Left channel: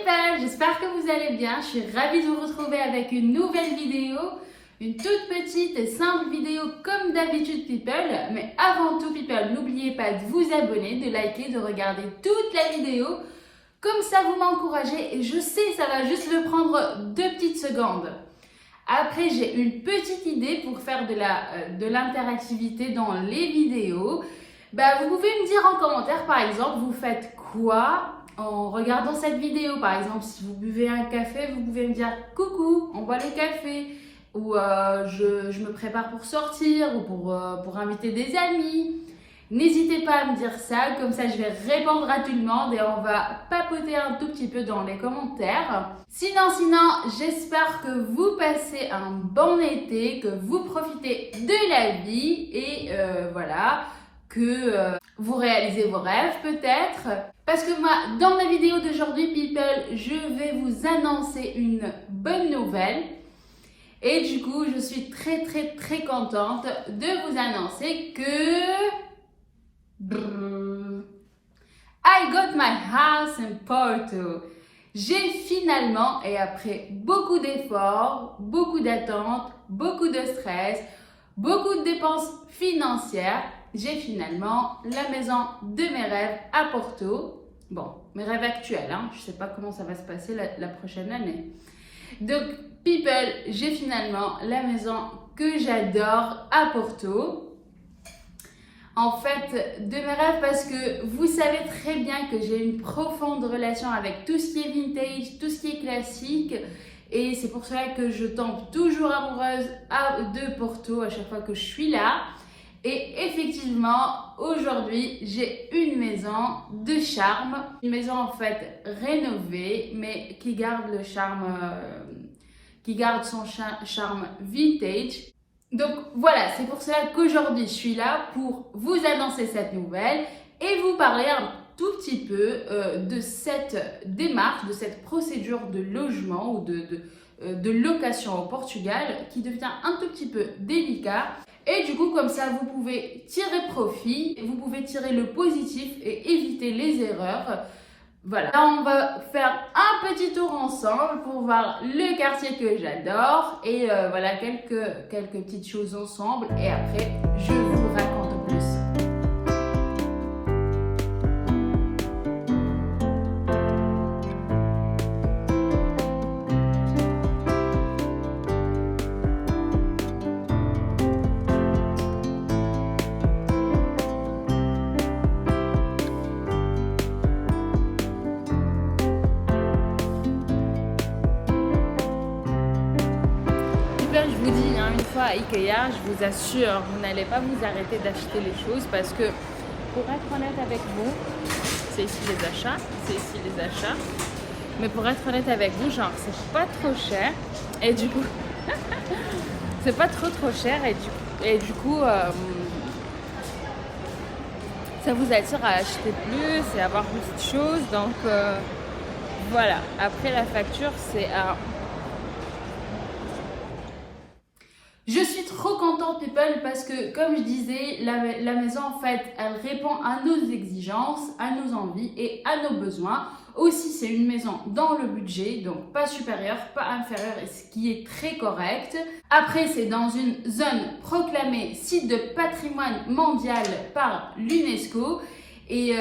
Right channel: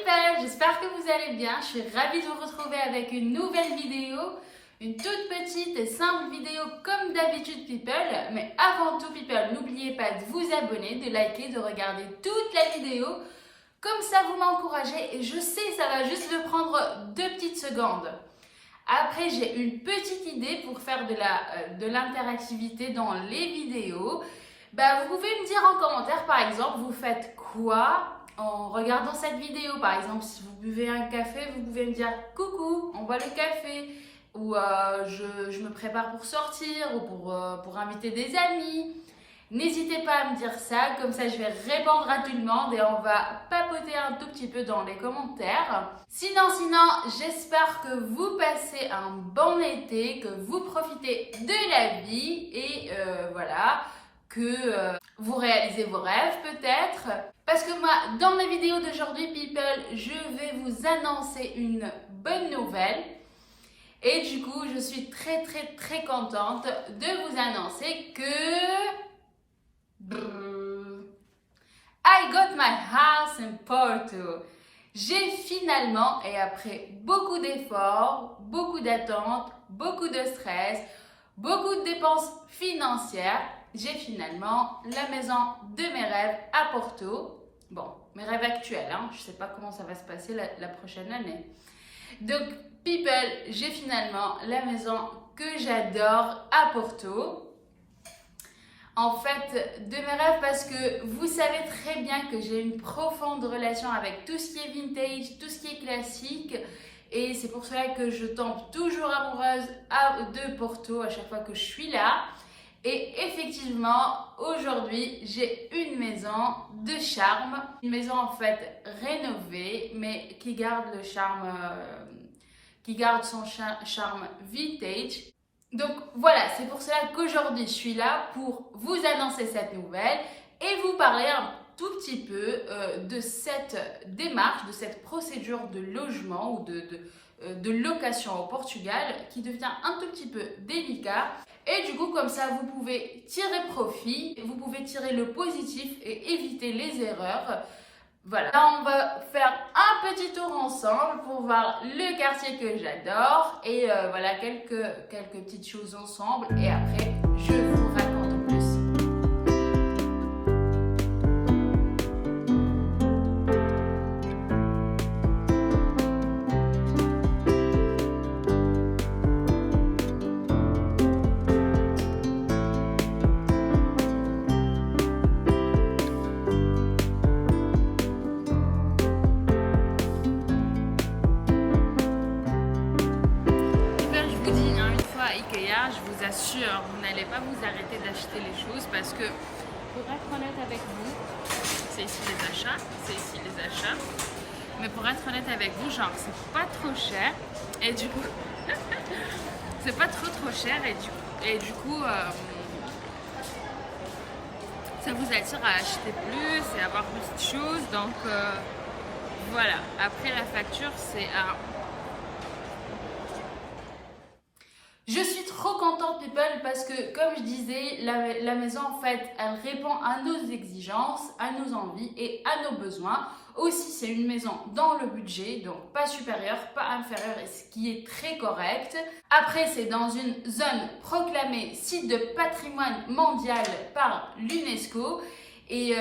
people, j'espère que vous allez bien. Je suis ravie de vous retrouver avec une nouvelle vidéo, une toute petite et simple vidéo comme d'habitude people. Mais avant tout people, n'oubliez pas de vous abonner, de liker, de regarder toute la vidéo. Comme ça vous m'encouragez et je sais ça va juste me prendre 2 petites secondes. Après j'ai une petite idée pour faire de l'interactivité dans les vidéos. Vous pouvez me dire en commentaire par exemple vous faites quoi en regardant cette vidéo. Par exemple si vous buvez un café, vous pouvez me dire coucou, on boit le café. Ou je me prépare pour sortir ou pour inviter des amis. N'hésitez pas à me dire ça, comme ça je vais répondre à tout le monde et on va papoter un tout petit peu dans les commentaires. Sinon, j'espère que vous passez un bon été, que vous profitez de la vie et voilà, que vous réalisez vos rêves peut-être. Parce que moi, dans la vidéo d'aujourd'hui, people, je vais vous annoncer une bonne nouvelle. Et du coup, je suis très contente de vous annoncer que I got my house in Porto. J'ai finalement, et après beaucoup d'efforts, beaucoup d'attentes, beaucoup de stress, beaucoup de dépenses financières, j'ai finalement la maison de mes rêves à Porto. Bon, mes rêves actuels, hein. Je ne sais pas comment ça va se passer la prochaine année. Donc, people, j'ai finalement la maison que j'adore à Porto. En fait, de mes rêves parce que vous savez très bien que j'ai une profonde relation avec tout ce qui est vintage, tout ce qui est classique. Et c'est pour cela que je tombe toujours amoureuse de Porto à chaque fois que je suis là. Et effectivement, aujourd'hui, j'ai une maison de charme. Une maison en fait rénovée, mais qui garde le charme, qui garde son charme vintage. Donc voilà, c'est pour cela qu'aujourd'hui, je suis là pour vous annoncer cette nouvelle et vous parler un tout petit peu de cette démarche, de cette procédure de logement ou de location au Portugal qui devient un tout petit peu délicat. Et du coup, comme ça, vous pouvez tirer profit, vous pouvez tirer le positif et éviter les erreurs. Voilà, là on va faire un petit tour ensemble pour voir le quartier que j'adore et voilà quelques petites choses ensemble et après je vous raconte plus. À Ikea, je vous assure, vous n'allez pas vous arrêter d'acheter les choses parce que, pour être honnête avec vous, c'est ici les achats, mais pour être honnête avec vous, genre c'est pas trop cher et du coup, c'est pas trop cher et du coup, ça vous attire à acheter plus et avoir de petites choses, donc voilà. Après la facture, c'est à... Je suis trop contente people parce que comme je disais, la maison en fait elle répond à nos exigences, à nos envies et à nos besoins. Aussi c'est une maison dans le budget, donc pas supérieur, pas inférieur, et ce qui est très correct. Après c'est dans une zone proclamée site de patrimoine mondial par l'UNESCO. Et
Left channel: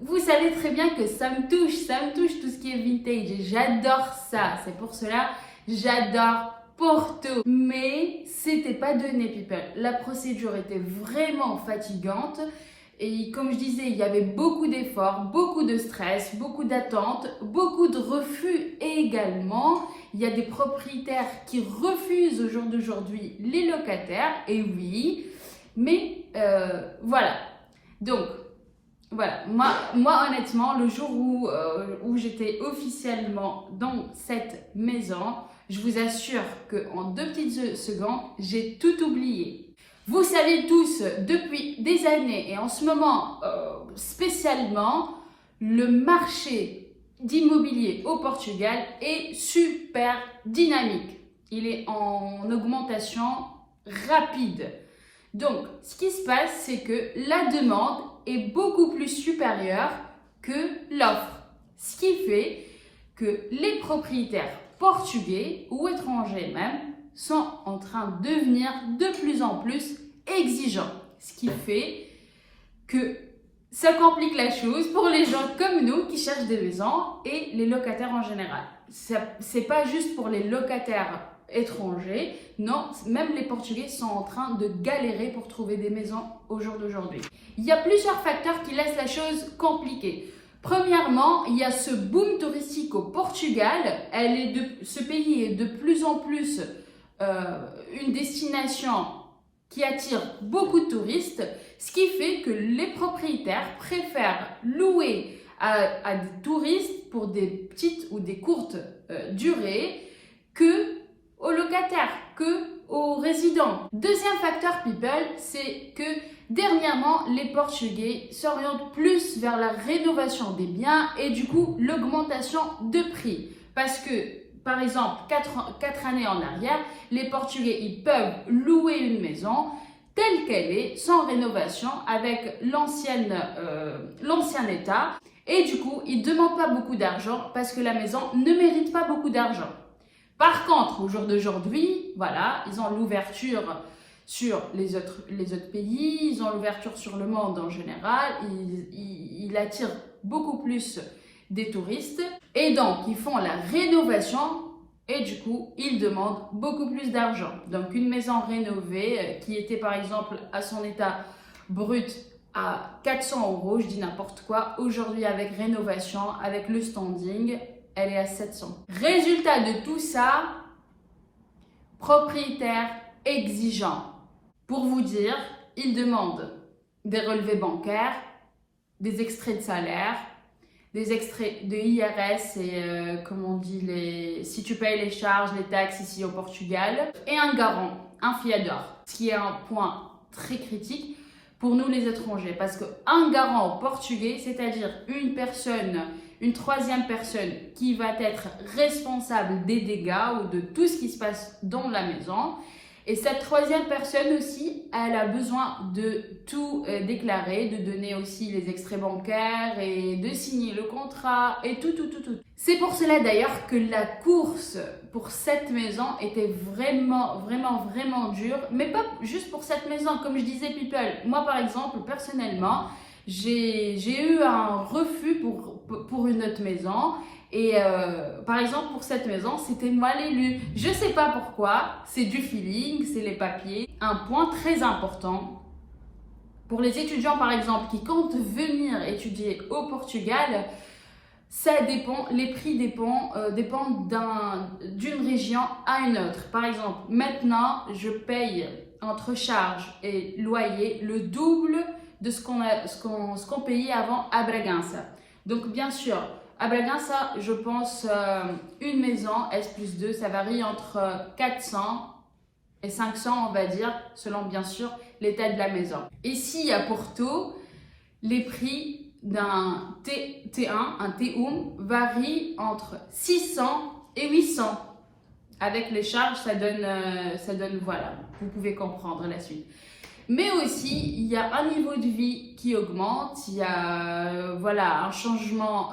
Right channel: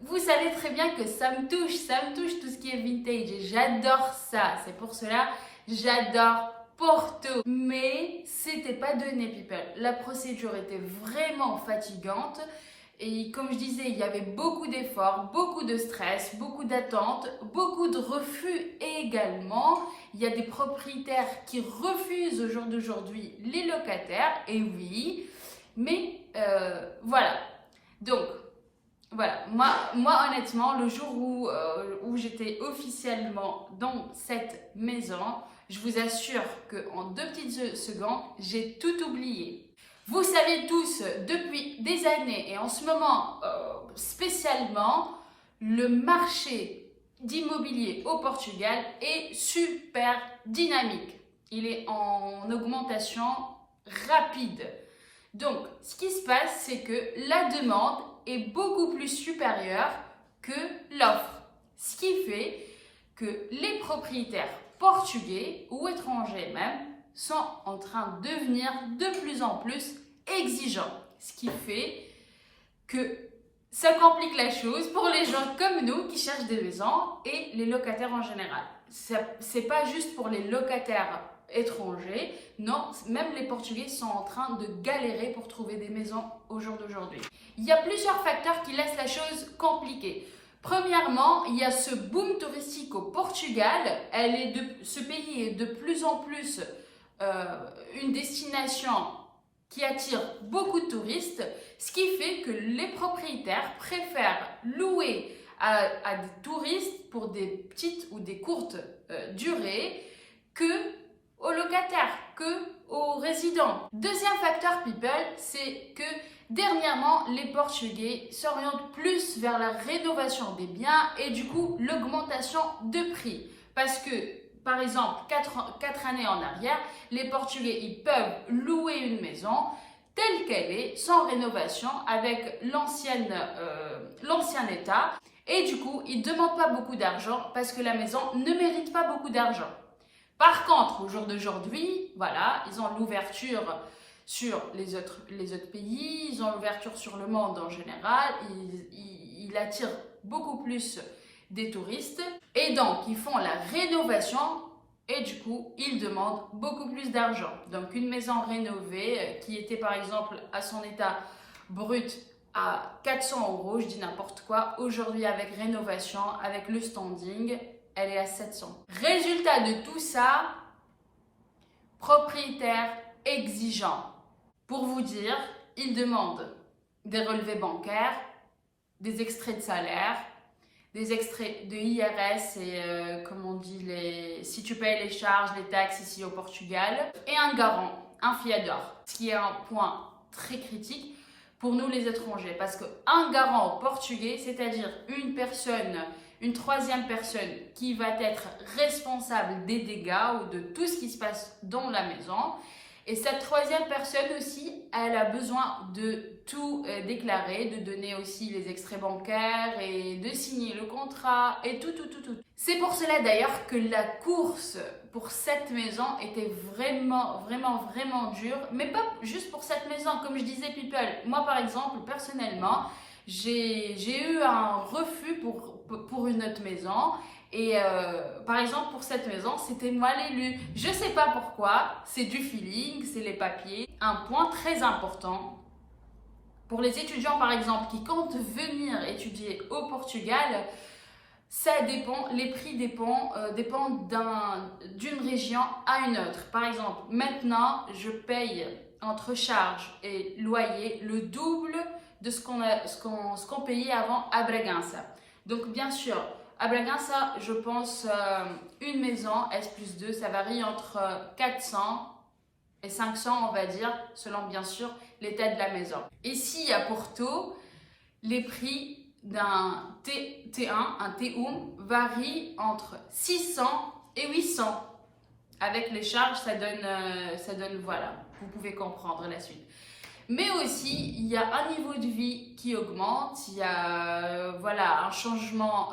vous savez très bien que ça me touche tout ce qui est vintage et j'adore ça. C'est pour cela j'adore Porto, mais c'était pas donné people. La procédure était vraiment fatigante et comme je disais, il y avait beaucoup d'efforts, beaucoup de stress, beaucoup d'attentes, beaucoup de refus également. Il y a des propriétaires qui refusent au jour d'aujourd'hui les locataires, et oui, mais voilà. Donc voilà, moi honnêtement, le jour où j'étais officiellement dans cette maison, je vous assure qu'en 2 petites secondes, j'ai tout oublié. Vous savez tous, depuis des années et en ce moment spécialement, le marché d'immobilier au Portugal est super dynamique. Il est en augmentation rapide. Donc, ce qui se passe, c'est que la demande est beaucoup plus supérieure que l'offre. Ce qui fait que les propriétaires portugais ou étrangers même sont en train de devenir de plus en plus exigeants. Ce qui fait que ça complique la chose pour les gens comme nous qui cherchent des maisons et les locataires en général. C'est pas juste pour les locataires étrangers, non, même les Portugais sont en train de galérer pour trouver des maisons au jour d'aujourd'hui. Il y a plusieurs facteurs qui laissent la chose compliquée. Premièrement, il y a ce boom touristique au Portugal. Ce pays est de plus en plus une destination qui attire beaucoup de touristes, ce qui fait que les propriétaires préfèrent louer à des touristes pour des petites ou des courtes durées que aux locataires, que aux résidents. Deuxième facteur, people, c'est que dernièrement, les Portugais s'orientent plus vers la rénovation des biens et du coup, l'augmentation de prix. Parce que, par exemple, 4 années en arrière, les Portugais, ils peuvent louer une maison telle qu'elle est, sans rénovation, avec l'ancien état. Et du coup, ils ne demandent pas beaucoup d'argent parce que la maison ne mérite pas beaucoup d'argent. Par contre, au jour d'aujourd'hui, voilà, ils ont l'ouverture sur les autres pays, ils ont l'ouverture sur le monde en général, ils attirent beaucoup plus des touristes et donc ils font la rénovation et du coup, ils demandent beaucoup plus d'argent. Donc, une maison rénovée qui était par exemple à son état brut à 400 €, je dis n'importe quoi, aujourd'hui avec rénovation, avec le standing, elle est à 700. Résultat de tout ça, propriétaire exigeant. Pour vous dire, ils demandent des relevés bancaires, des extraits de salaire, des extraits de IRS et comme on dit, si tu payes les charges, les taxes ici au Portugal, et un garant, un fiador, ce qui est un point très critique pour nous les étrangers, parce qu'un garant au portugais, c'est-à-dire une troisième personne qui va être responsable des dégâts ou de tout ce qui se passe dans la maison. Et cette troisième personne aussi, elle a besoin de tout déclarer, de donner aussi les extraits bancaires et de signer le contrat et tout. C'est pour cela d'ailleurs que la course pour cette maison était vraiment dure, mais pas juste pour cette maison, comme je disais people. Moi par exemple, personnellement, j'ai eu un refus pour une autre maison. Et par exemple, pour cette maison, c'était mal élu. Je ne sais pas pourquoi, c'est du feeling, c'est les papiers. Un point très important, pour les étudiants par exemple qui comptent venir étudier au Portugal, ça dépend, les prix dépendent d'une région à une autre. Par exemple, maintenant, je paye entre charges et loyer le double de ce qu'on payait avant à Bragança. Donc bien sûr, à Bragança, je pense une maison S+2, ça varie entre 400 et 500, on va dire, selon bien sûr l'état de la maison. Ici à Porto, les prix d'un T1, un T1, varient entre 600 et 800. Avec les charges, ça donne, voilà, vous pouvez comprendre la suite. Mais aussi, il y a un niveau de vie qui augmente, il y a voilà, un changement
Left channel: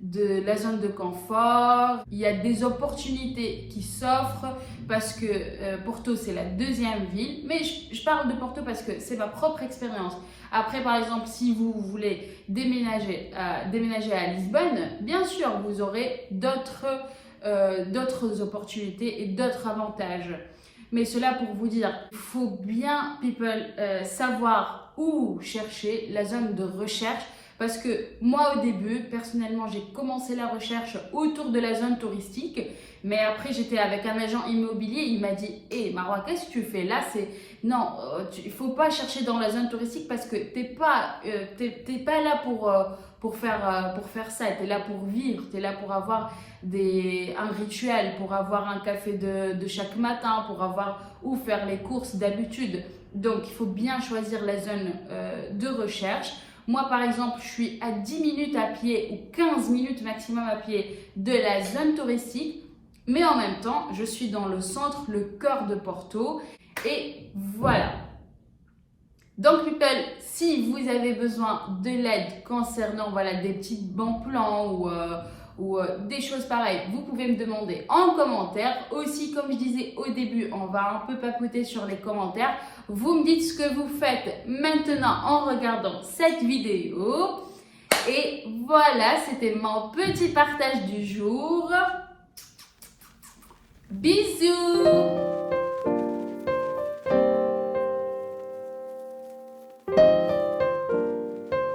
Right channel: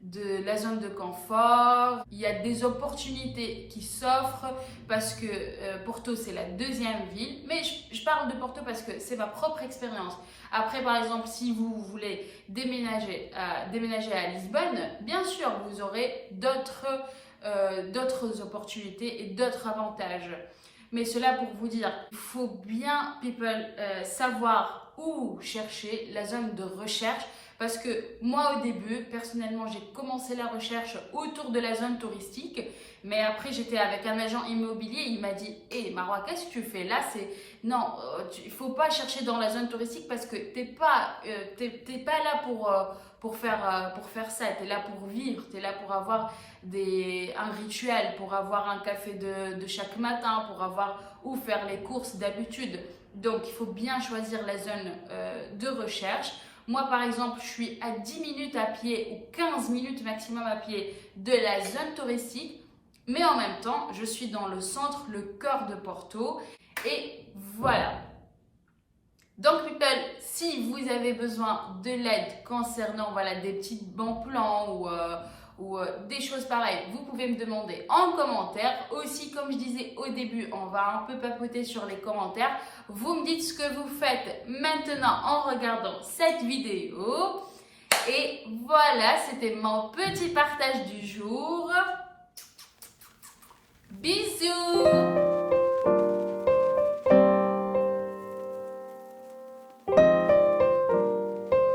de la zone de confort, il y a des opportunités qui s'offrent parce que Porto c'est la deuxième ville, mais je parle de Porto parce que c'est ma propre expérience. Après par exemple, si vous voulez déménager à Lisbonne, bien sûr vous aurez d'autres opportunités et d'autres avantages. Mais cela pour vous dire, il faut bien, people, savoir où chercher la zone de recherche. Parce que moi, au début, personnellement, j'ai commencé la recherche autour de la zone touristique. Mais après, j'étais avec un agent immobilier. Il m'a dit, hé, Marois, qu'est-ce que tu fais là? Non, il ne faut pas chercher dans la zone touristique parce que tu n'es pas là pour faire ça. Tu es là pour vivre. Tu es là pour avoir un rituel, pour avoir un café de chaque matin, pour avoir où faire les courses d'habitude. Donc, il faut bien choisir la zone de recherche. Moi, par exemple, je suis à 10 minutes à pied ou 15 minutes maximum à pied de la zone touristique. Mais en même temps, je suis dans le centre, le cœur de Porto. Et voilà. Donc, people, si vous avez besoin de l'aide concernant voilà, des petits bons plans ou des choses pareilles, vous pouvez me demander en commentaire. Aussi, comme je disais au début, on va un peu papoter sur les commentaires. Vous me dites ce que vous faites maintenant en regardant cette vidéo. Et voilà, c'était mon petit partage du jour. Bisous!